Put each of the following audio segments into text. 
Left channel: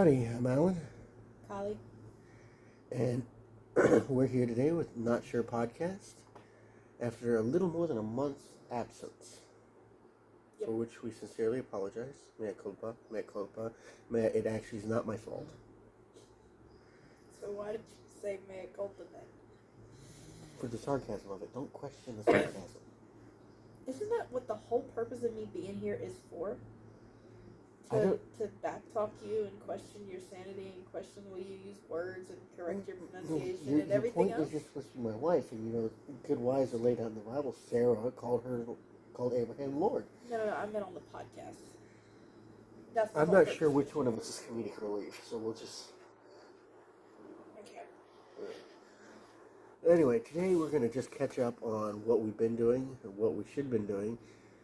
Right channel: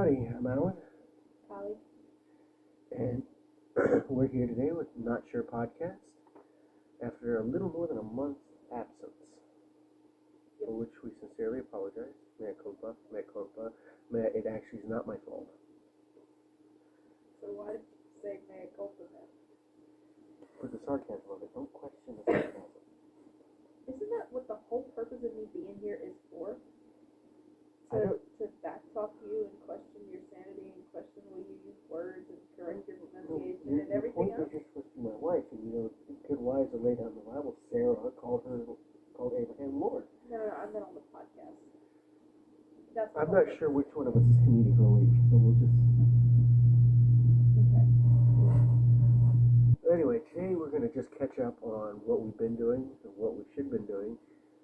Howdy, I'm Alan, Kylie. and we're here today with Not Sure Podcast after a little more than a month's absence, for which we sincerely apologize. Mea culpa, mea culpa. It actually is not my fault. So why did you say mea culpa then? For the sarcasm of it, don't question the sarcasm. Isn't that what the whole purpose of me being here is for? I don't- To backtalk you and question your sanity and question the way you use words and correct your pronunciation and everything Your else? point is you're supposed to be my wife, and good wives are laid out in the Bible. Sarah called Abraham Lord. No, I meant on the podcast. That's the I'm whole not purpose. sure which one of us is comedic relief, so we'll just... Okay. Anyway, today we're going to just catch up on what we've been doing and what we should have been doing.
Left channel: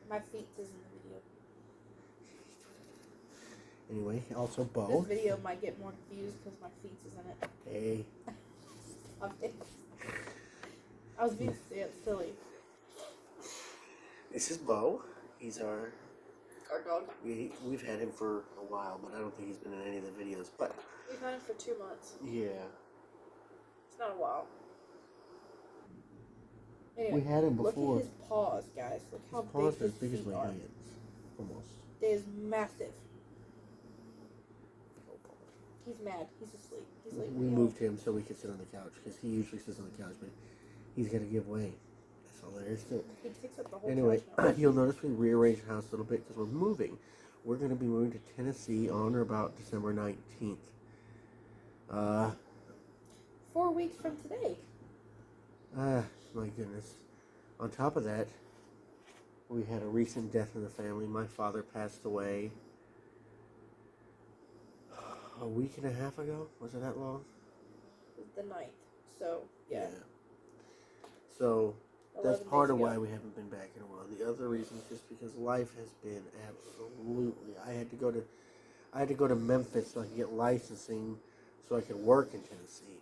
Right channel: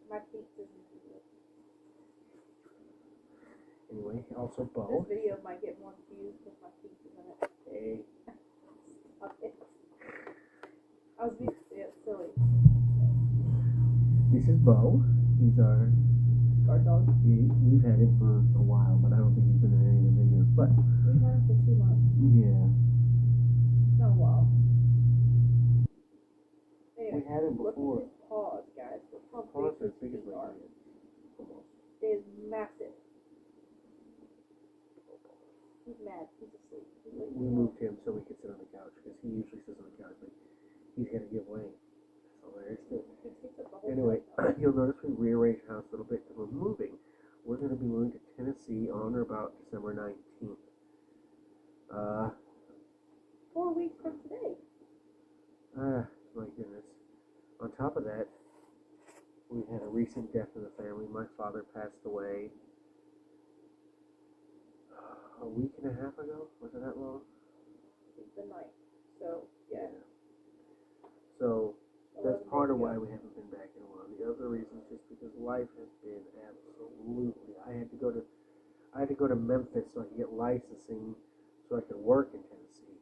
My feet is in the video. Anyway, also Bo. This video might get more confused because my feet is in it. Hey. Stop it. I was being silly. This is Bo. He's our... Guard dog. We've had him for a while, but I don't think he's been in any of the videos. But We've had him for 2 months. yeah, It's not a while. we Anyway, had him look before. at his paws, guys. Look how His paws are big as big his as feet my are. hands, almost. It is massive. He's mad. He's asleep. He's like, We moved him so we could sit on the couch because he usually sits on the couch, but he's gonna give way. That's all there is to it. He takes up the whole Anyway, couch now. you'll notice we rearranged the house a little bit because we're moving. We're going to be moving to Tennessee on or about December 19th. 4 weeks from today. My goodness. On top of that, we had a recent death in the family. My father passed away a week and a half ago. Was it that long? The 9th. So, yeah. So, that's 11 part days of why ago. we haven't been back in a while. The other reason is just because life has been absolutely. I had to go to Memphis so I could get licensing, so I could work in Tennessee.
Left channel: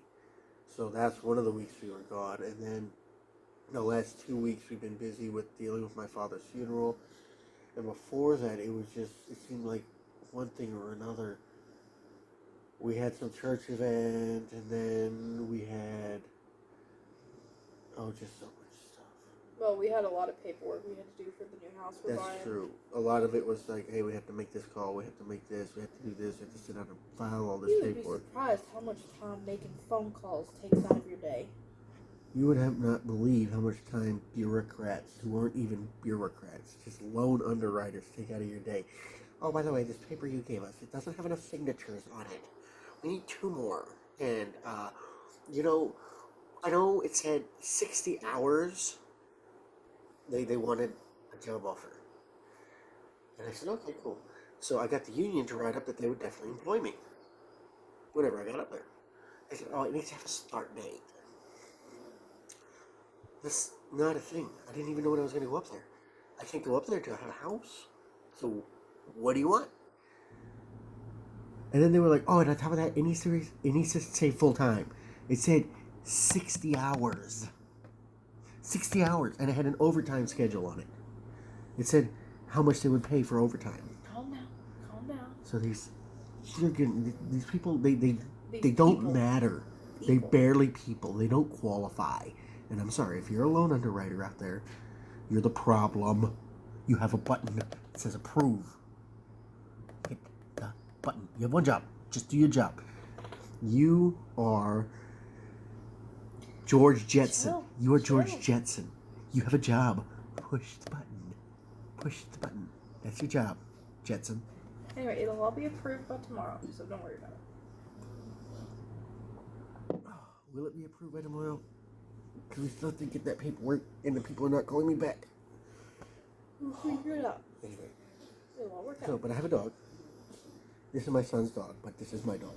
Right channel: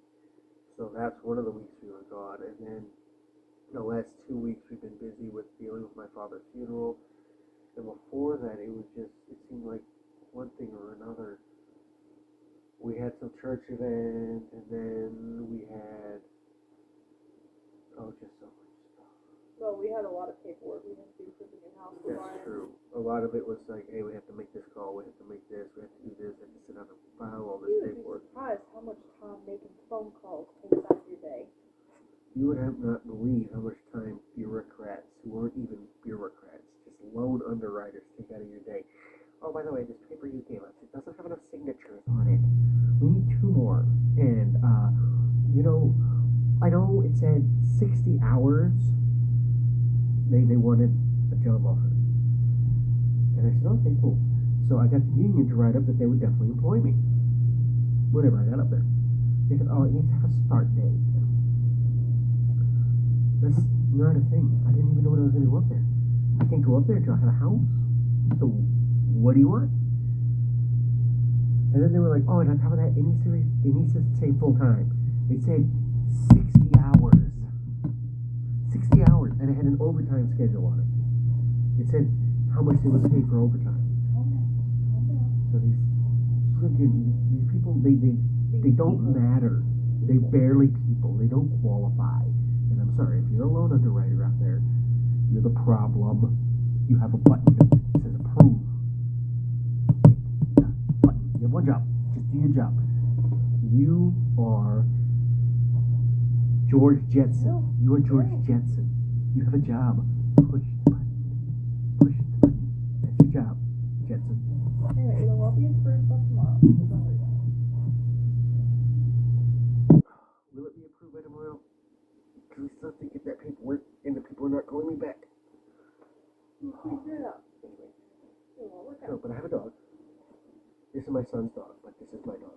So that's one of the weeks we were gone, and then the last 2 weeks we've been busy with dealing with my father's funeral. And before that, it seemed like one thing or another. We had some church event, and then we had just so much stuff. Well, we had a lot of paperwork we had to do for the new house we're That's buying. true. A lot of it was like, hey, we have to make this call, we have to make this, we have to do this, we have to sit down and file all this You would be paperwork. surprised how much time making phone calls takes out of your day. You would have not believe how much time bureaucrats, who aren't even bureaucrats, just loan underwriters, take out of your day. Oh, by the way, this paper you gave us, it doesn't have enough signatures on it. We need 2 more. And, I know it said 60 hours. They wanted a job offer. And I said, okay, cool. So I got the union to write up that they would definitely employ me. Whatever, I got up there. They said, oh, it needs to have a start date. That's not a thing. I didn't even know when I was going to go up there. I can't go up there until I have a house. So what do you want? And then they were like, oh, and on top of that, it needs to say full time. It said 60 hours. 60 hours. And it had an overtime schedule on it. It said how much they would pay for overtime. Calm down. So these people, they don't matter. They People. barely people. They don't qualify. And I'm sorry, if you're a loan underwriter out there, you're the problem. You have a button that says approve. Hit the button. You have one job. Just do your job. You are George Jetson. Chill. You are George Chill. Jetson. You have a job. Push the button. Push the button. That's your job, Jetson. Anyway, it'll all be approved by tomorrow, so don't worry about it. Will it be approved by tomorrow? Because we still have to get that paperwork, and the people are not calling me back. We'll figure it out. Anyway, It'll all work so, out. but I have a dog. This is my son's dog, but this is my dog.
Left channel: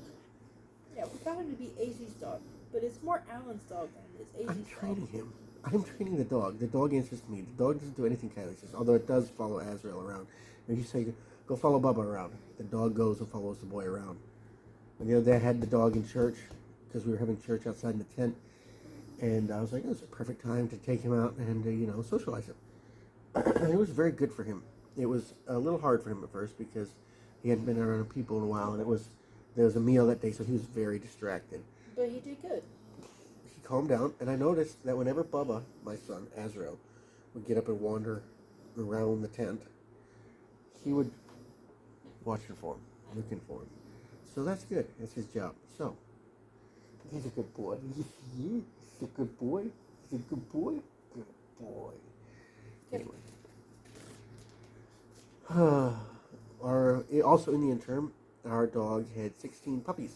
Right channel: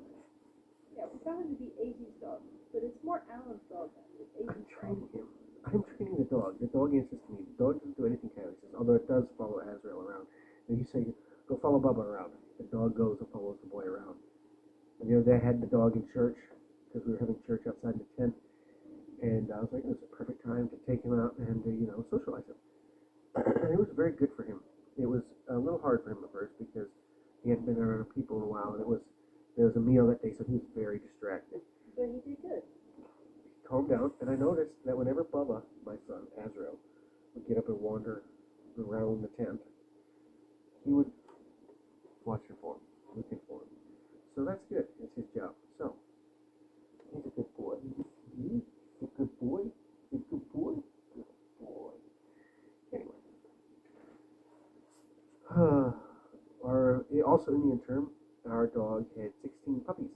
Yeah, we got him to be AZ's dog, but it's more Alan's dog than it is I'm AZ's dog. training him. I'm training the dog. The dog answers to me. The dog doesn't do anything Kylie says, although it does follow Azrael around. If you say, go follow Bubba around, the dog goes and follows the boy around. And the other day I had the dog in church, because we were having church outside in the tent, and I was like, it was a perfect time to take him out and, socialize him. And it was very good for him. It was a little hard for him at first because he hadn't been around people in a while, and it was there was a meal that day, so he was very distracted. But he did good. He calmed down, and I noticed that whenever Bubba, my son, Azrael, would get up and wander around the tent, he would watching for him, looking for him. So that's good. That's his job. So, he's a good boy. He's a good boy. He's a good boy. Good boy. Anyway. Also in the interim, our dog had 16 puppies.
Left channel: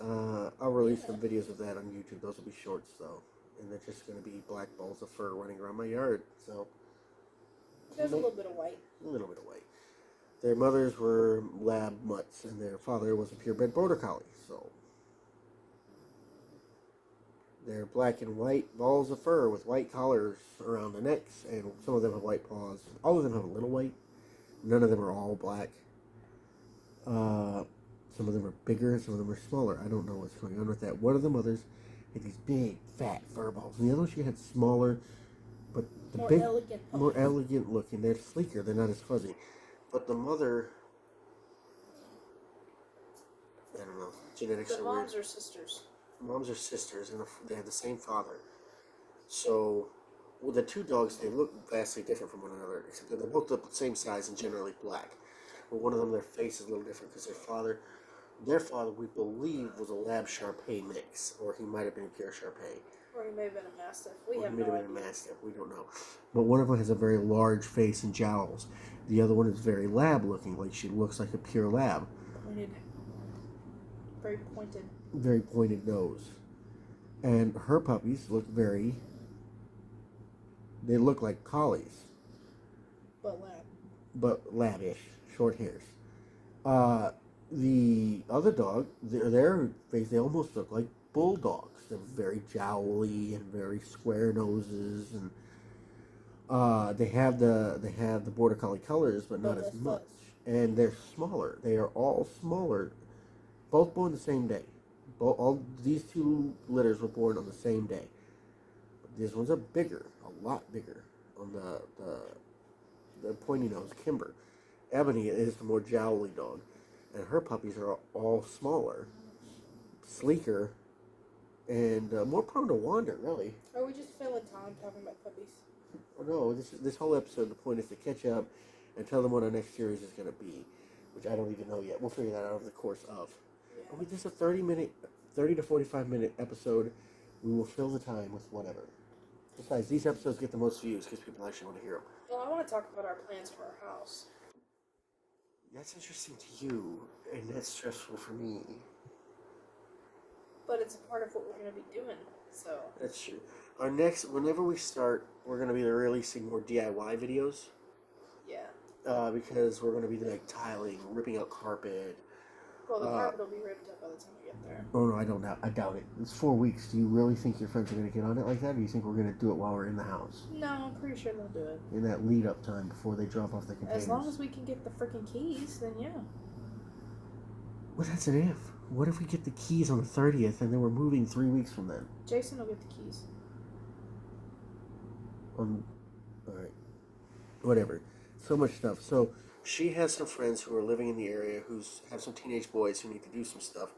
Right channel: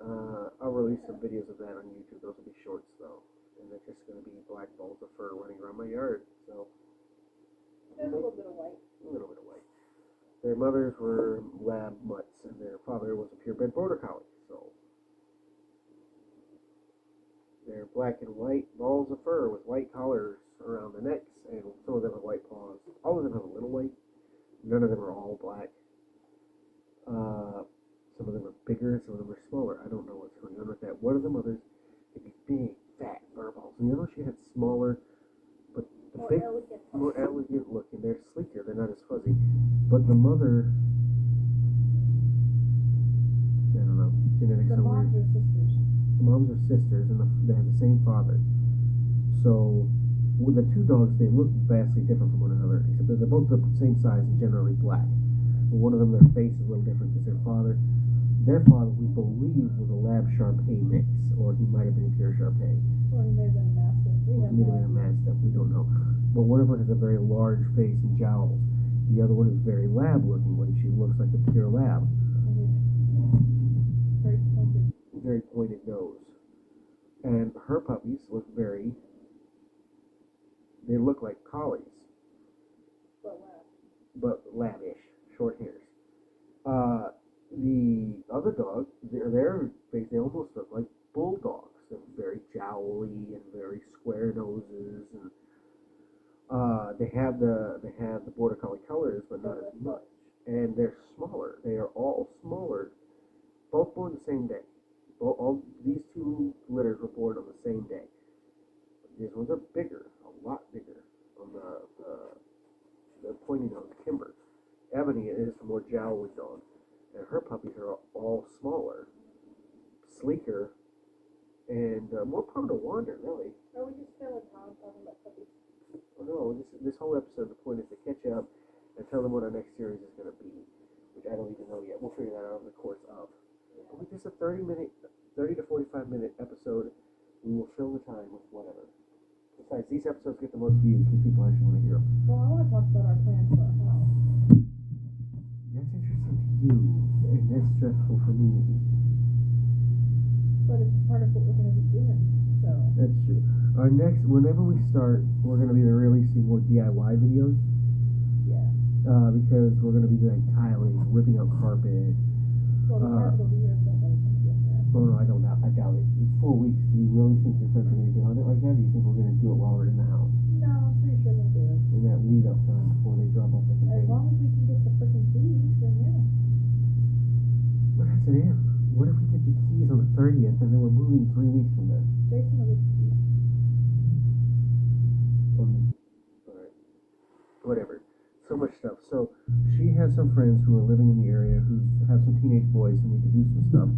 I'll release some videos of that on YouTube. Those will be shorts though, and they're just going to be black balls of fur running around my yard. So There's a little bit of white. A little bit of white. Their mothers were lab mutts, and their father was a purebred border collie. So they're black and white balls of fur with white collars around the necks, and some of them have white paws. All of them have a little white. None of them are all black. Some of them are bigger, some of them are smaller. I don't know what's going on with that. One of the mothers had these big, fat fur balls, and the other one she had smaller, but the More big, elegant more puppies. elegant looking. They're sleeker. They're not as fuzzy. But the mother, I don't know. Genetics The are moms weird. are sisters. The moms are sisters, and they have the same father. So, with the two dogs, they look vastly different from one another, except they're both the same size and generally black. But one of them, their face is a little different because their father, we believe, was a Lab Shar-Pei mix, or he might have been a pure Shar-Pei. Or he may have been a mastiff. We Or have he may no have been a idea. Mastiff. We don't know. But one of them has a very large face and jowls. The other one is very lab-looking, like she looks like a pure lab. Pointed. Very pointed. Very pointed nose. And her puppies look they look like collies, But lab. but labish, short hairs. The other dog, their face, they almost look like bulldogs. They're very jowly and very square noses, and they have the border collie colors, but not as much. And they're smaller. They are all smaller. Both born the same day. All these two litters were born on the same day. These ones are bigger, a lot bigger. On the pointy nose, Kimber. Ebony is the more jowly dog, and her puppies are all smaller, sleeker, and more prone to wander. Really. Are we just filling time talking about puppies? Oh, no, this whole episode, the point is to catch up and tell them what our next series is going to be, which I don't even know yet. We'll figure that out over the course of. Yeah. With just a 30 to 45-minute episode, we will fill the time with whatever. Besides, these episodes get the most views because people actually want to hear them. Well, I want to talk about our plans for our house. That's interesting to you, and that's stressful for me. But it's a part of what we're going to be doing, so. That's true. Whenever we start, we're going to be releasing more DIY videos. Yeah. Because we're going to be like tiling, ripping out carpet. Well, the carpet will be ripped up by the time we get there. Oh no, I doubt it. It's 4 weeks. Do you really think your friends are going to get on it like that? Or do you think we're going to do it while we're in the house? No, I'm pretty sure they'll do it. In that lead up time before they drop off the containers. As long as we can get the freaking keys, then yeah. Well, that's an if. What if we get the keys on the 30th and then we're moving 3 weeks from then? Jason will get the keys. Alright. Whatever. So much stuff. So she has some friends who are living in the area who have some teenage boys who need to do some stuff.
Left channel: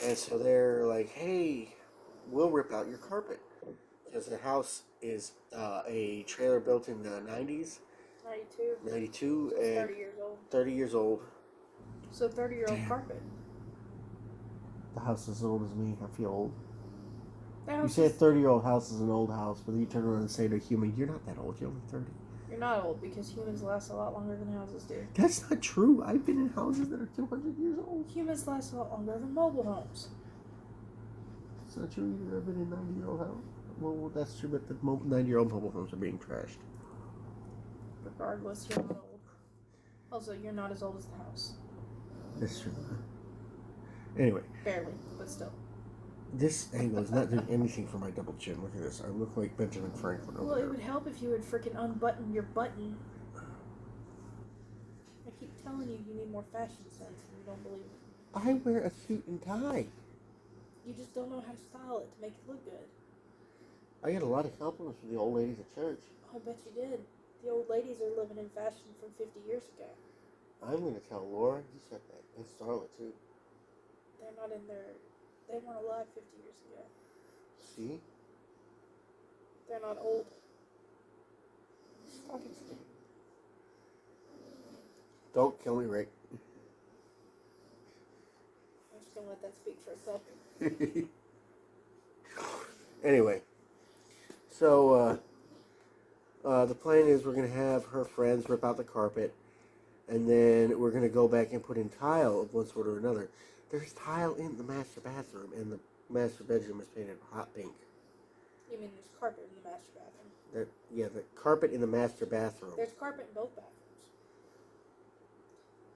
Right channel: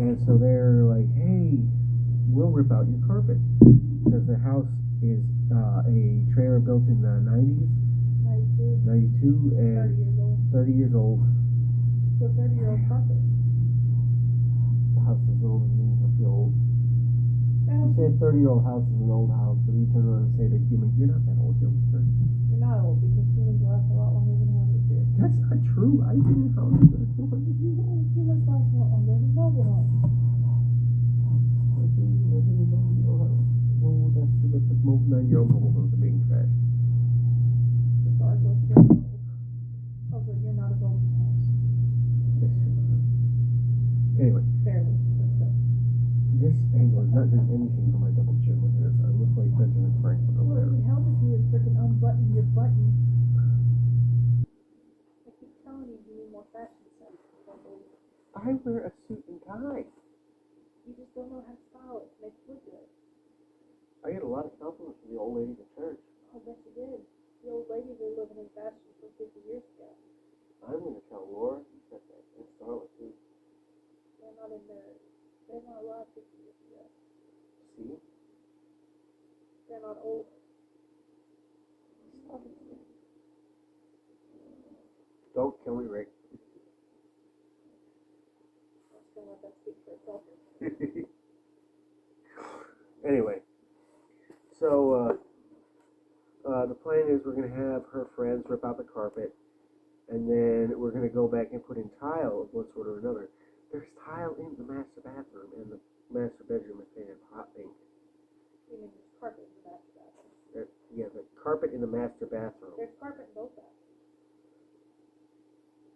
And so they're like, hey, we'll rip out your carpet. Because the house is a trailer built in the 90s. 92. 92 It's and 30 years old. 30 years old. So 30-year-old carpet. The house is as old as me. I feel old. The You house say a is, 30-year-old house is an old house, but then you turn around and say to a human, you're not that old, you're only 30. you're not old because humans last a lot longer than houses do. That's not true. I've been in houses that are 200 years old. Humans last a lot longer than mobile homes. It's not true. You've never been in 90-year-old house. Well, that's true, but the 90-year-old mobile homes are being trashed. Regardless, you're not old. Also, you're not as old as the house. That's true. Anyway, Barely, but still. this angle is not doing anything for my double chin. Look at this. I look like Benjamin Franklin over Well, it there. would help if you would freaking unbutton your button. I keep telling you you need more fashion sense and you don't believe it. I wear a suit and tie. You just don't know how to style it to make it look good. I get a lot of compliments from the old ladies at church. Oh, I bet you did. The old ladies are living in fashion from 50 years ago. I'm gonna tell Laura. You said that. And Starla too. They're not in their. They weren't alive 50 years ago. See? They're not old. Stop explaining. Don't kill me, Rick. I'm just gonna let that speak for itself. Anyway, so the plan is we're gonna have her friends rip out the carpet, and then we're gonna go back and put in tile of one sort or another. There's tile in the master bathroom, and the master bedroom is painted hot pink. You mean there's carpet in the master bathroom? The carpet in the master bathroom. There's carpet in both bathrooms.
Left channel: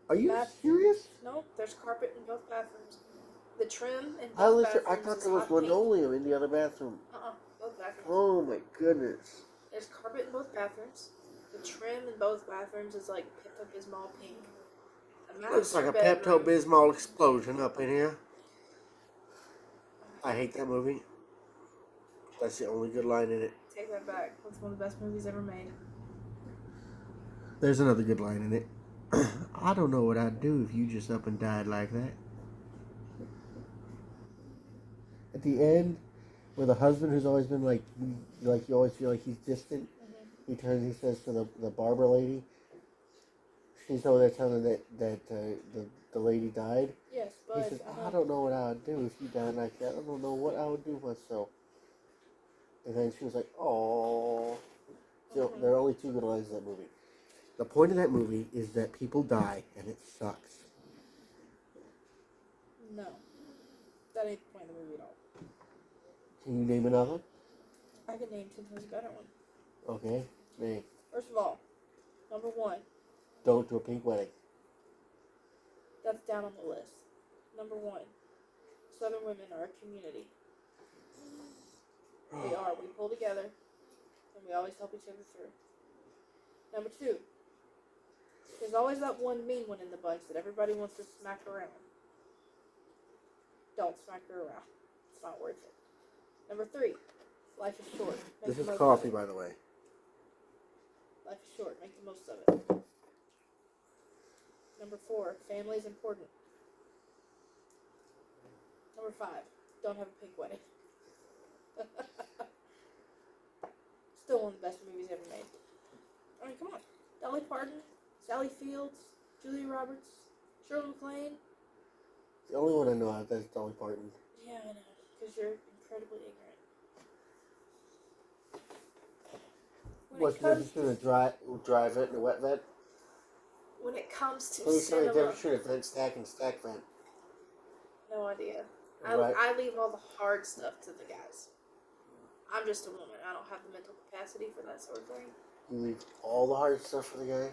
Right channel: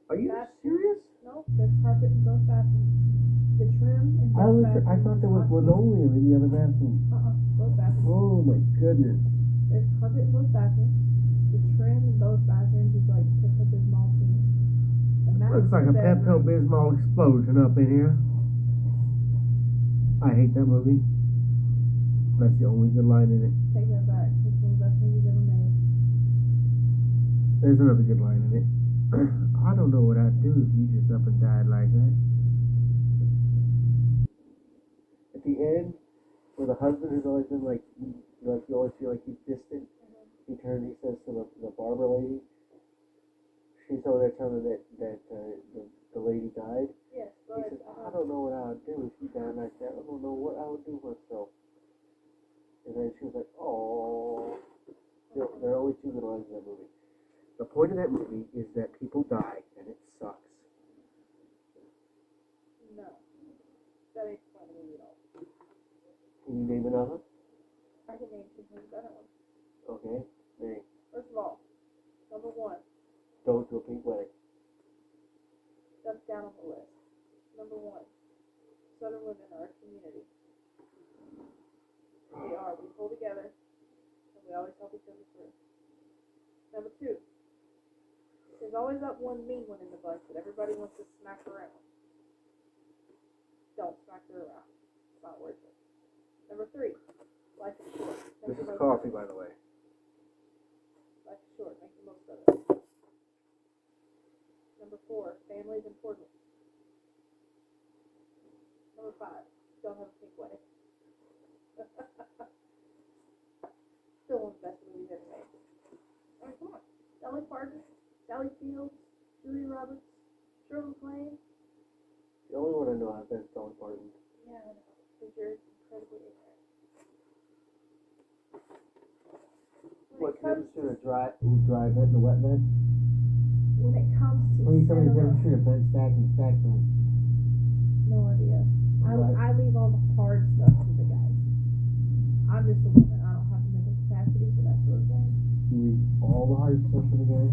Are you serious? No, there's carpet in both bathrooms. The trim in both bathrooms. I thought there was is hot pink. linoleum in the other bathroom. Both bathrooms. Oh my goodness. There's carpet in both bathrooms. The trim in both bathrooms is like Pepto-Bismol pink. The master Looks like a bedroom. Pepto-Bismol explosion up in here. I hate that movie. That's the only good line in it. Take that back. It's one of the best movies ever made. There's another good line in it. I don't know what I'd do if you just up and died like that. At the end, where the husband has always been like you always feel like he's distant, he turns and he says to the barber lady, she's over there telling her that the lady died. Yes, He but says, I don't know what I would do if you died like that. I don't know what I would do myself. And then she was like, oh. So there are only two good lines in that movie. The point of that movie is that people die and it sucks. no, that ain't the point of the movie at all. Can you name another? I could name 10 times a better one. Okay, name. First of all, number one, Don't do a pink wedding. that's down on the list. Number one, Southern women are a community. We are. We pull together, and we always help each other through. Number two, there's always that one mean one in the bunch that everybody wants to smack around. Don't smack her around. It's not worth it. Number three, life is short. Make This the is most coffee, of it. by the way. Life is short. Make the most of it. Number four, family is important. Number five, don't have a pink wedding. Still one of the best movies ever made. I mean, come on. Dolly Parton, Sally Fields, Julia Roberts, Shirley MacLaine. The only one I know out there is Dolly Parton. Yeah, I know. Because you're incredibly ignorant. What's the difference between a dry vent and a wet vent? When it comes to Let me tell you the cinema, difference between a vent stack and a stack vent. no idea. Right. I leave all the hard stuff to the guys. I'm just a woman. I don't have the mental capacity for that sort of thing. You leave all the hard stuff for the guys?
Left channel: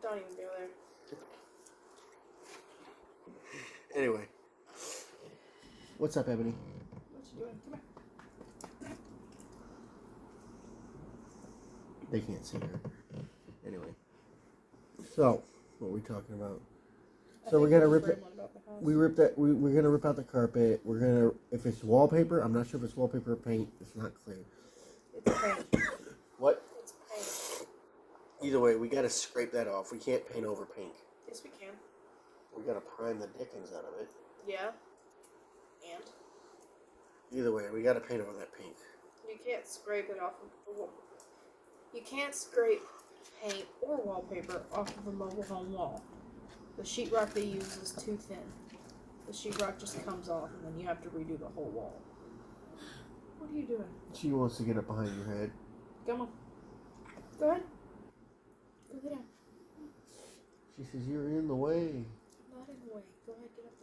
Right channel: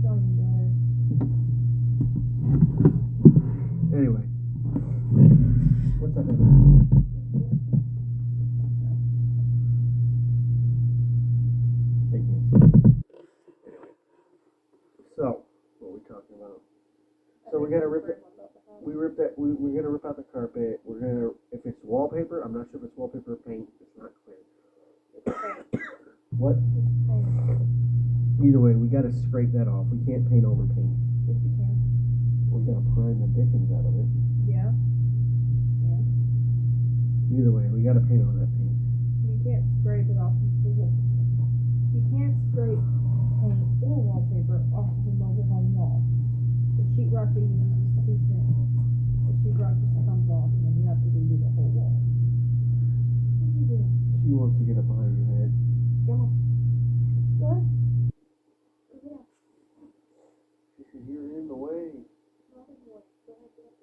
Don't even go there. Anyway. What's up, Ebony? What you doing? They can't see her. Anyway. So, what are we talking about? So we're gonna rip it. We're gonna rip out the carpet. We're gonna, if it's wallpaper, I'm not sure if it's wallpaper or paint. It's not clear. It's paint. What? It's paint. Either way, we gotta scrape that off. We can't paint over pink. Yes, we can. We gotta prime the dickens out of it. Yeah. And Either way, we gotta paint over that pink. you can't scrape it off of the wall. You can't scrape paint or wallpaper off of a mobile home wall. The sheetrock they use is too thin. The sheetrock just comes off, and then you have to redo the whole wall. What are you doing? She wants to get up behind your head. Come on. Go ahead. Go get down. She says, you're in the way. Not in the way. Go ahead, get up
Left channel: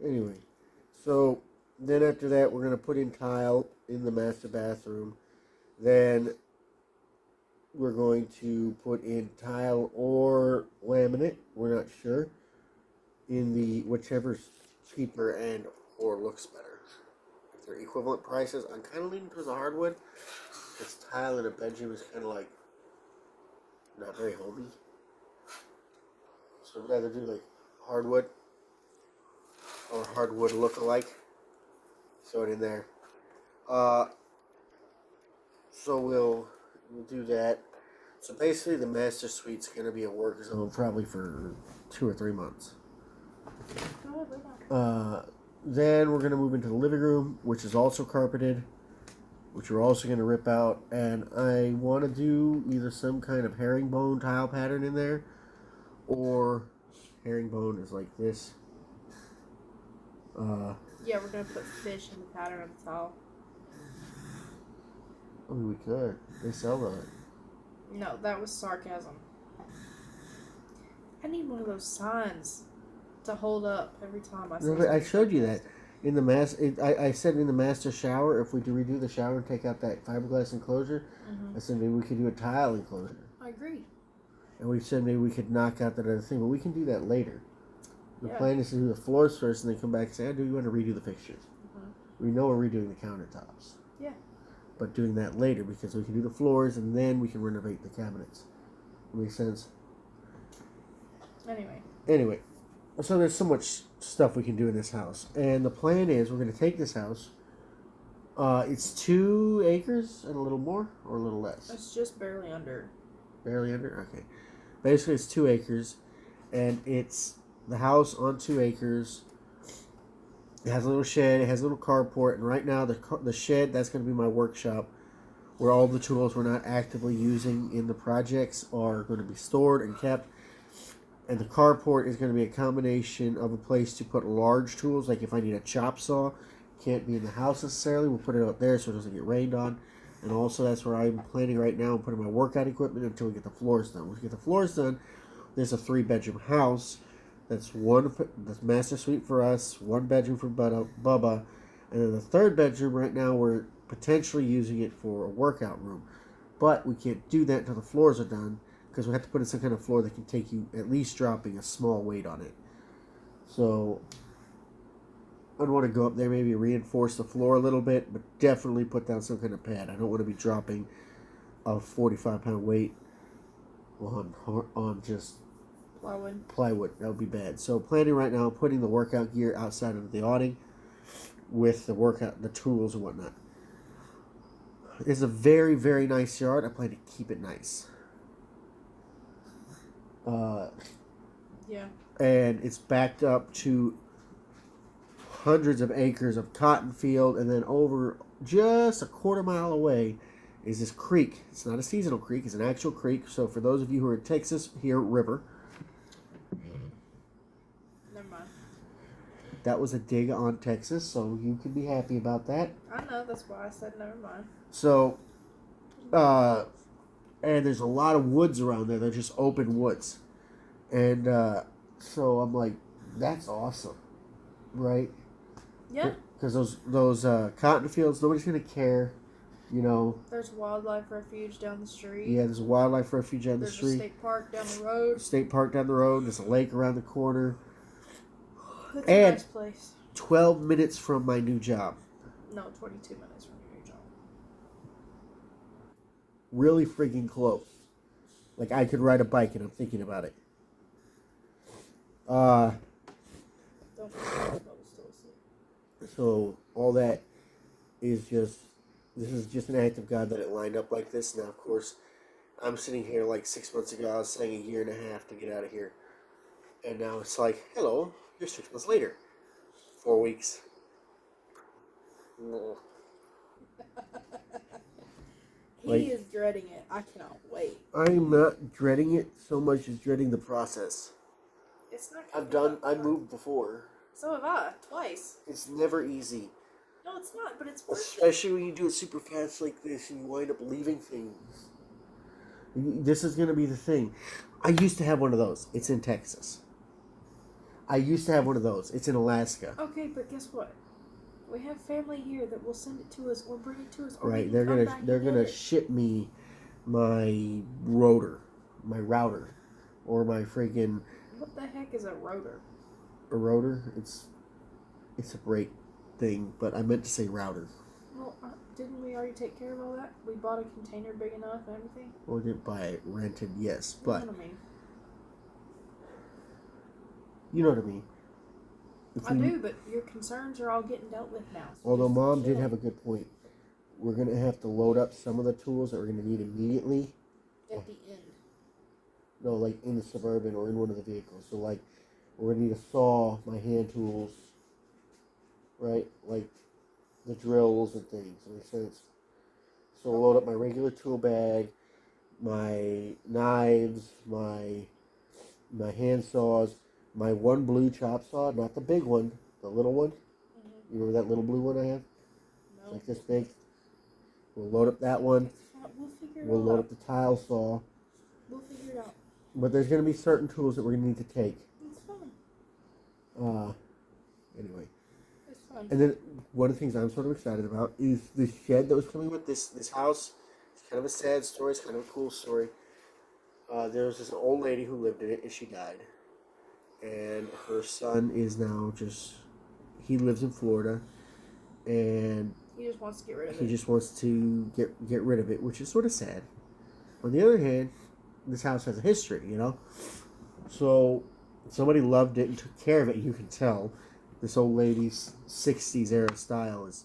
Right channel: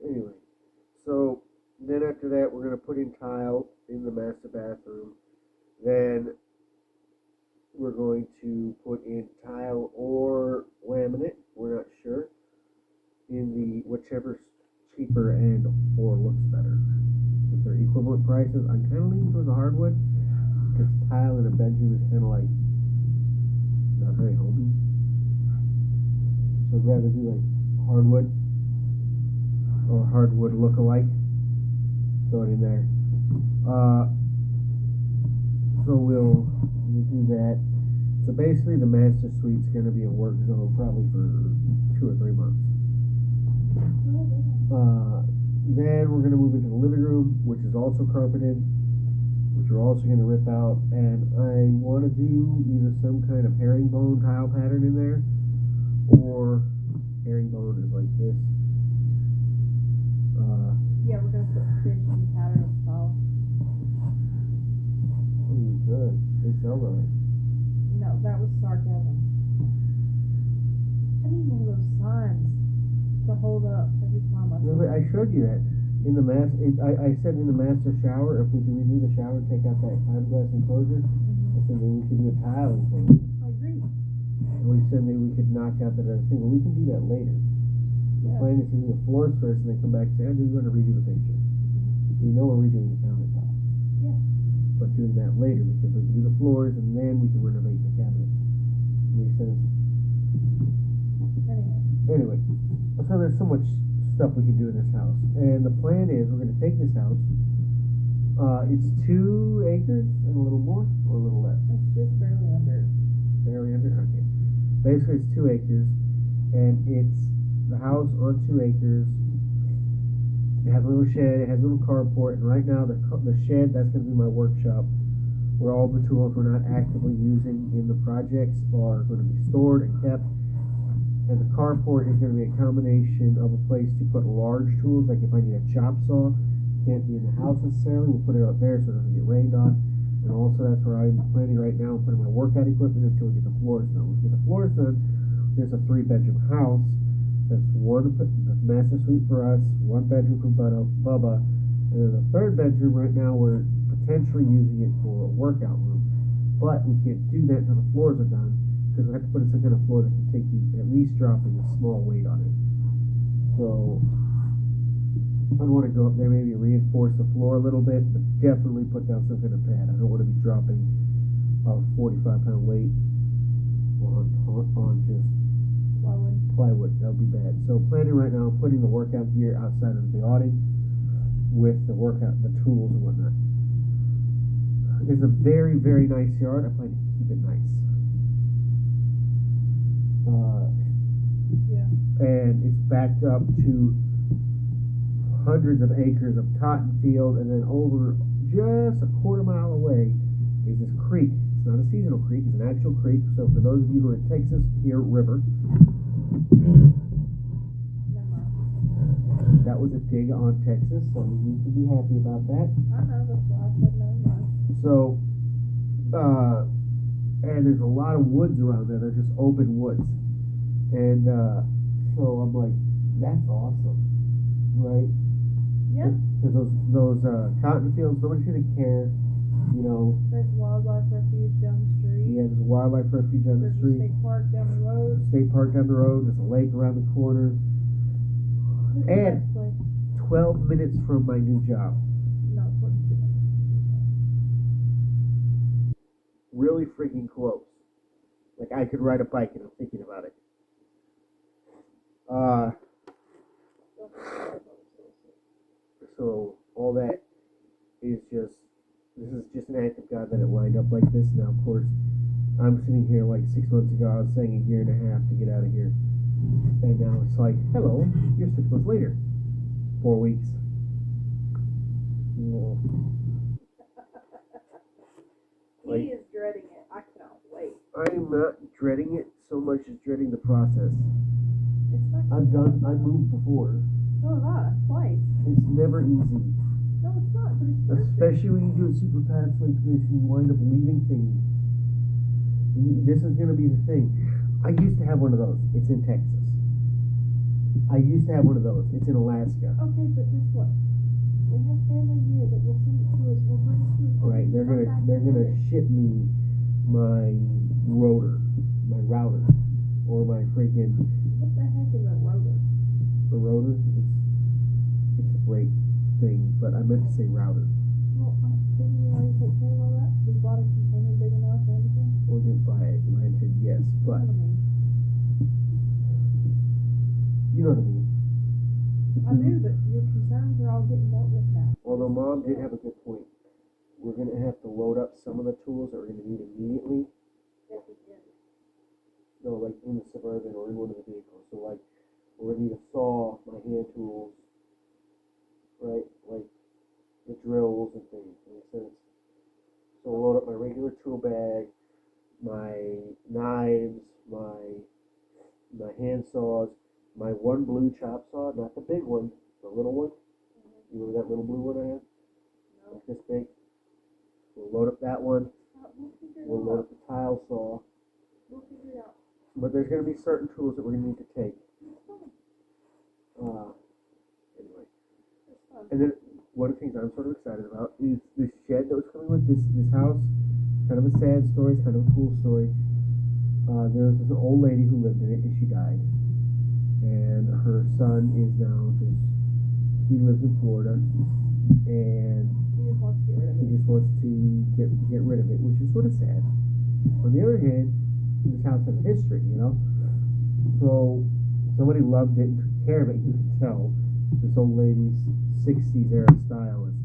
there. Anyway, so then after that, we're gonna put in tile in the master bathroom. Then we're going to put in tile or laminate. We're not sure. In the whichever's cheaper and or looks better. If they're equivalent prices, I'm kind of leaning towards the hardwood. Because tile in a bedroom is kind of like not very homey. So I'd rather do like hardwood or hardwood look-alike. Throw it in So we'll do that. So basically, the master suite's going to be a work zone probably for 2 or 3 months. Then we're going to move into the living room, which is also carpeted, which we're also going to rip out. And I want to do either some kind of herringbone tile pattern in there, or herringbone is like this. Yeah, we're gonna put fish in the pattern of the tile. I mean, we could. They sell that. No, that was sarcasm. I need one of those signs to hold up every time I say No, but I something. showed you that in the I said in the master shower, if we could redo the shower and take out that fiberglass enclosure, I said maybe we could do a tile enclosure. I agree. And we said maybe we could knock out that other thing, but we can do that later. The Yeah. plan is to do the floors first and then come back and say, do you want to redo the fixtures? We know we're redoing the countertops. Yeah. But doing that later because we can do the floors and then we can renovate the cabinets. Makes sense? Anyway, so there's so much stuff we can do in this house. And the plan is we're going to take this house. It's 2 acres and a little more or a little less? It's just barely under. Barely under? Okay. Basically, it's 2 acres. And it's the house on 2 acres. It has a little shed. It has a little carport. And right now, the shed, that's going to be my workshop, where all the tools we're not actively using in the projects are going to be stored and kept. And the carport is going to be a combination of a place to put large tools, like if I need a chop saw, can't be in the house necessarily. We'll put it out there so it doesn't get rained on. And also, that's where I'm planning right now, putting my workout equipment until we get the floors done. Once we get the floors done, there's a 3-bedroom house. That's master suite for us, 1 bedroom for Bubba, and then the 3rd bedroom right now we're potentially using it for a workout room, but we can't do that until the floors are done because we have to put in some kind of floor that can take you at least dropping a small weight on it. So I'd want to go up there, maybe reinforce the floor a little bit, but definitely put down some kind of pad. I don't want to be dropping a 45-pound weight on just plywood. That would be bad. So planning right now, putting the workout gear outside of the awning with the tools and whatnot. It's a very, very nice yard. I plan to keep it nice. Yeah. And it's backed up to hundreds of acres of cotton field, and then over just a quarter mile away is this creek. It's not a seasonal creek, it's an actual creek. So for those of you who are in Texas, here, river. Never mind. That was a dig on Texas, so you can be happy about that. I know, that's why I said never mind. So, and there's a lot of woods around there. They're just open woods. And so I'm like, that's awesome, right? Yeah. Because those cotton fields, nobody's going to care, you know. There's a wildlife refuge down the street. Yeah, there's a wildlife refuge down the There's street. a state park down the road. State park down the road. There's a lake around the corner. That's And a nice place. 12 minutes from my new job. No, 22 minutes from your job. Really freaking close. Like I could ride a bike, and I'm thinking about it. Don't forget Bubba's still asleep. So all that is this is just an act of God that it lined up like this. Now, of course, I'm sitting here like 6 months ago. I was saying a year and a half to get out of here, and now it's like, hello, you're 6 months later, 4 weeks. No. Like- He is dreading it. I cannot wait. I'm not dreading it so much as dreading the process. It's not. I've moved before. So have I, twice. It's never easy. No, it's not, but it's worth it. Especially when you do it super fast like this and you wind up leaving things. This is going to be the thing. I used to have one of those. It's in Texas. I used to have one of those. It's in Alaska. Okay, but guess what? We have family here that will send it to us or bring it to us. Or we Right? can They're come gonna back and they're get gonna it. ship me my router, or my freaking What the heck is a rotor? a rotor. It's a great thing, but I meant to say router. Well, didn't we already take care of all that? We bought a container big enough and everything. Or didn't buy it, rented, yes, but You know what I mean? you know what I mean. If I we- do, but your concerns are all getting dealt with now. So Although just Mom did chill. have a good point. We're going to have to load up some of the tools that we're going to need immediately At the end. No, like in the Suburban or in one of the vehicles. So like, we're gonna need a saw, my hand tools, right? Like the drills and things. Makes sense. So we'll load up my regular tool bag, my knives, my hand saws, my one blue chop saw, not the big one, the little one. You remember that little blue one I have? It's No. like this big. We'll load up that one. We'll figure it We'll all load out. up the tile saw. We'll figure it out. But there's going to be certain tools that we're going to need to take. It's fun. Anyway. It's fun. And then one of the things I'm sort of excited about is the shed that was coming with this house. It's kind of a sad story. It's kind of a cool story. There was this old lady who lived in it, and she died. And her son is now he lives in Florida, and He just wants to get rid of he it. just wants to get rid of it, which is sort of sad. On the other hand, this house has a history, you know? So somebody loved it and took care of it. You can tell this old lady's 60s era style is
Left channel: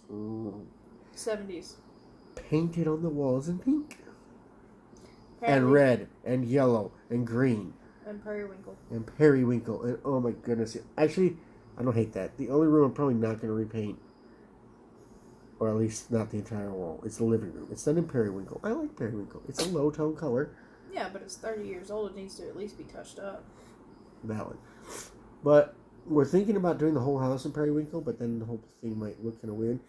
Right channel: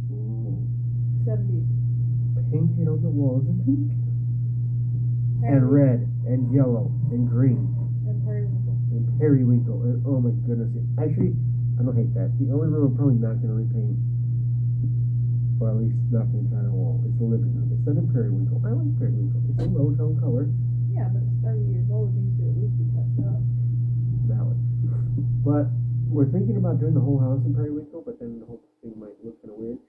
70s. painted on the walls in pink and Apparently- red and yellow and green And periwinkle. and periwinkle and oh my goodness. Actually, I don't hate that. The only room I'm probably not going to repaint, or at least not the entire wall, is the living room. It's done in periwinkle. I like periwinkle. It's a low tone color. Yeah, but it's 30 years old. It needs to at least be touched up. Valid. But we're thinking about doing the whole house in periwinkle, but then the whole thing might look kind of weird.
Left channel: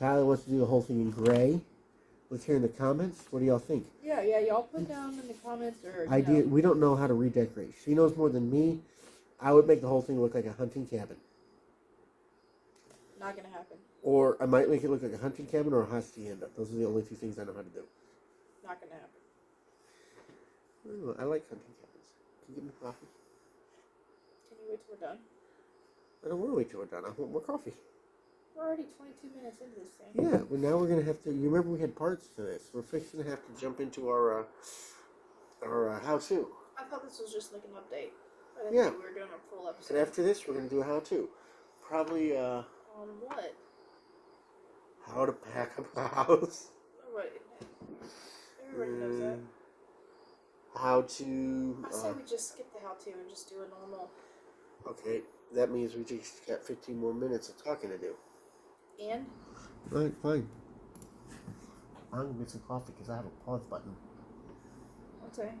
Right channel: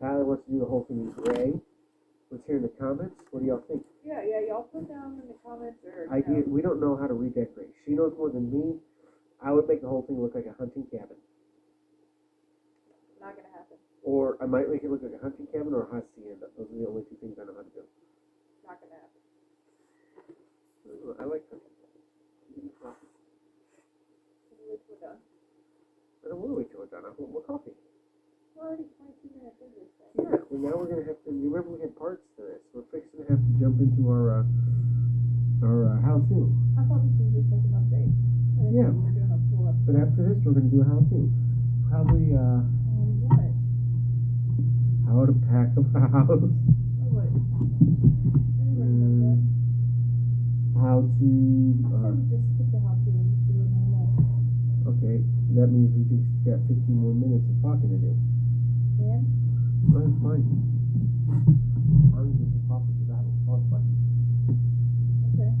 Kylie wants to do the whole thing in gray. Let's hear in the comments. What do y'all think? Yeah, y'all put down in the comments or Idea. We don't know how to redecorate. She knows more than me. I would make the whole thing look like a hunting cabin. Not gonna happen. Or I might make it look like a hunting cabin or a hacienda. Those are the only two things I know how to do. Not gonna happen. Ooh, I like hunting cabins. Can you give me coffee? Can you wait till we're done? I don't want to wait till we're done. I want more coffee. We're already 22 minutes into this thing. Yeah, well now we're gonna have to. You remember we had parts to this. We're fixing to have to jump into our how-to. I thought this was just like an update. I didn't Yeah. think we were doing a full episode. And after this, we're gonna do a how-to. Probably On what? how to pack a house. Everybody knows that. How to. I say we just skip the how to and just do a normal. Okay, that means we just got 15 more minutes of talking to do. And Fine. I'm gonna get some coffee because I have a pause button. okay.